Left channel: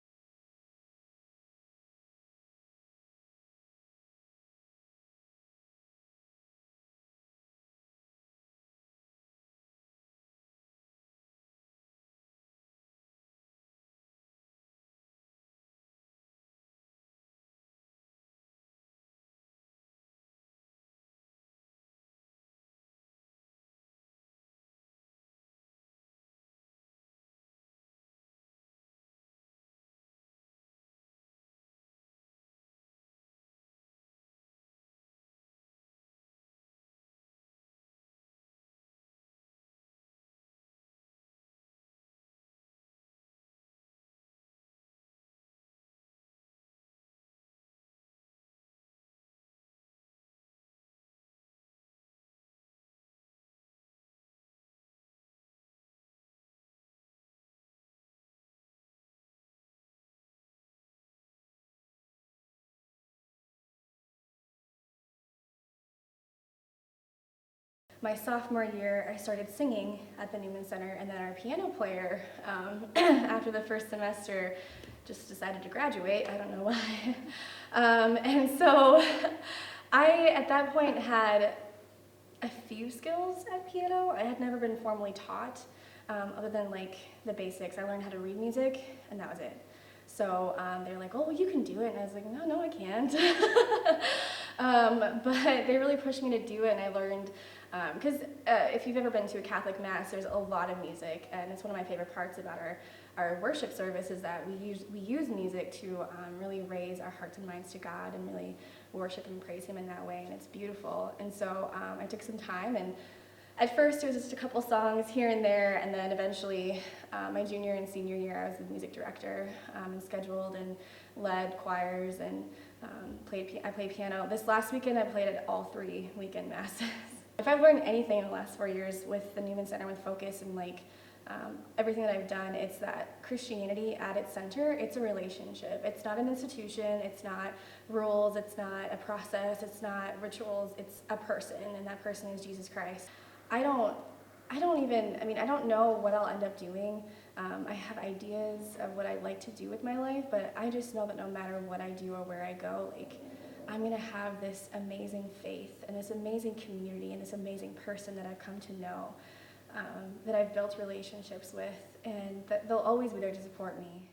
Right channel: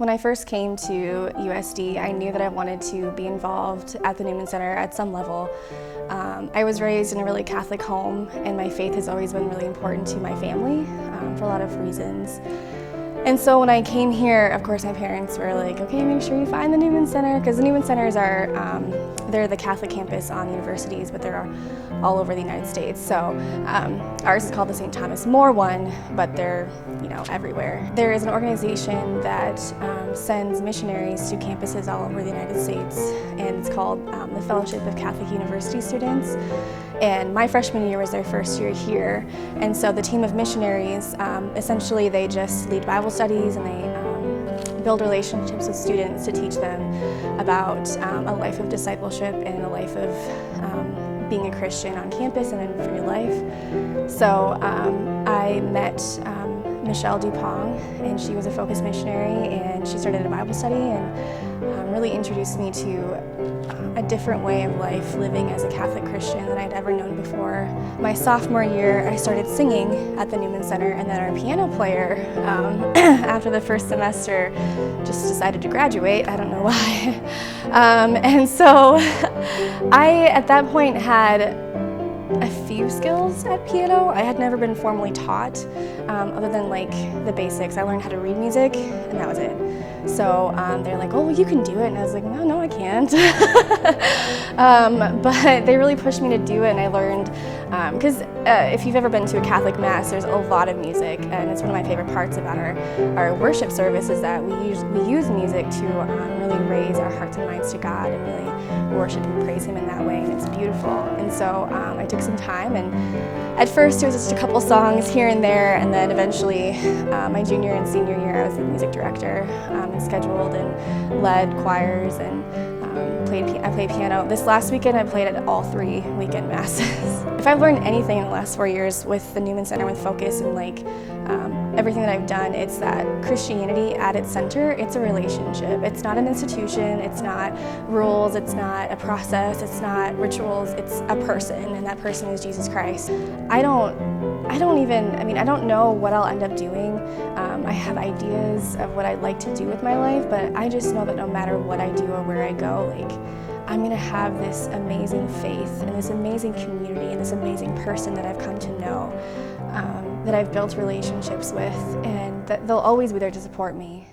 When I first came to USD, I knew that I wanted to be involved at the Newman Center at some level. I was raised in a really Catholic home, and my faith has always been really important to my family for a lot of reasons. And so when I came here, of course, my parents were like, okay, make sure you find the Newman Center, because the Newman Centers are, they're the Catholic campus on universities, but they're all over the United States. So ours is called the St. Thomas More one, but they're, everywhere. There is an organization that sends missionaries to campuses all over the United States, and it's called the Fellowship of Catholic University Students. And my freshman year was their first year here, and so the team of missionaries, essentially they just lead Bible studies, and they build relationships with students to teach them about a life of discipleship and a life of being a Christian on campus and in free life. So I met Michelle Dupont, and she was a focus missionary, and she started a Bible study and really introduced me to a different way of life living as a Catholic Christian than I'd ever known before. My sophomore year, I started singing at the Newman Center, and then our piano player, after the first semester, just decided to graduate. I don't know why. And so I, at that point, had a few skills at piano. I had never been formally taught, other than like the basics. I learned how to read music, and that was it. So they're like, oh, well, you can do it. And I was like, no, I can't. But they really pushed me to do it, and I learned, because if you've ever been to a Catholic Mass, there's a lot of music, and it's one of my favorite parts about our worship service is that we use music to really raise our hearts and minds to God and really worship and praise Him in that way, and it's beautiful. And so I took some time, and at first it was just a couple songs here and there, and then eventually my junior and senior year I was the music director and scheduled and led choirs and I played piano. This last weekend I played at all 3 weekend masses. If I've learned anything in the last 4 years with the Newman Center, with Focus and everything that I've done, it's that Christianity at its center, it's a relationship. It's not an institution, it's not rules, it's not a process, it's not rituals, it's a person, and that person is Jesus Christ. I don't know what I'll end up doing. I have ideas of what I'd like to do with my life, but I just know that no matter what I do or where I go, I'm gonna have this amazing faith and this amazing community and this amazing person that I've come to know, that I've built relationships with, and that they'll always be there to support me.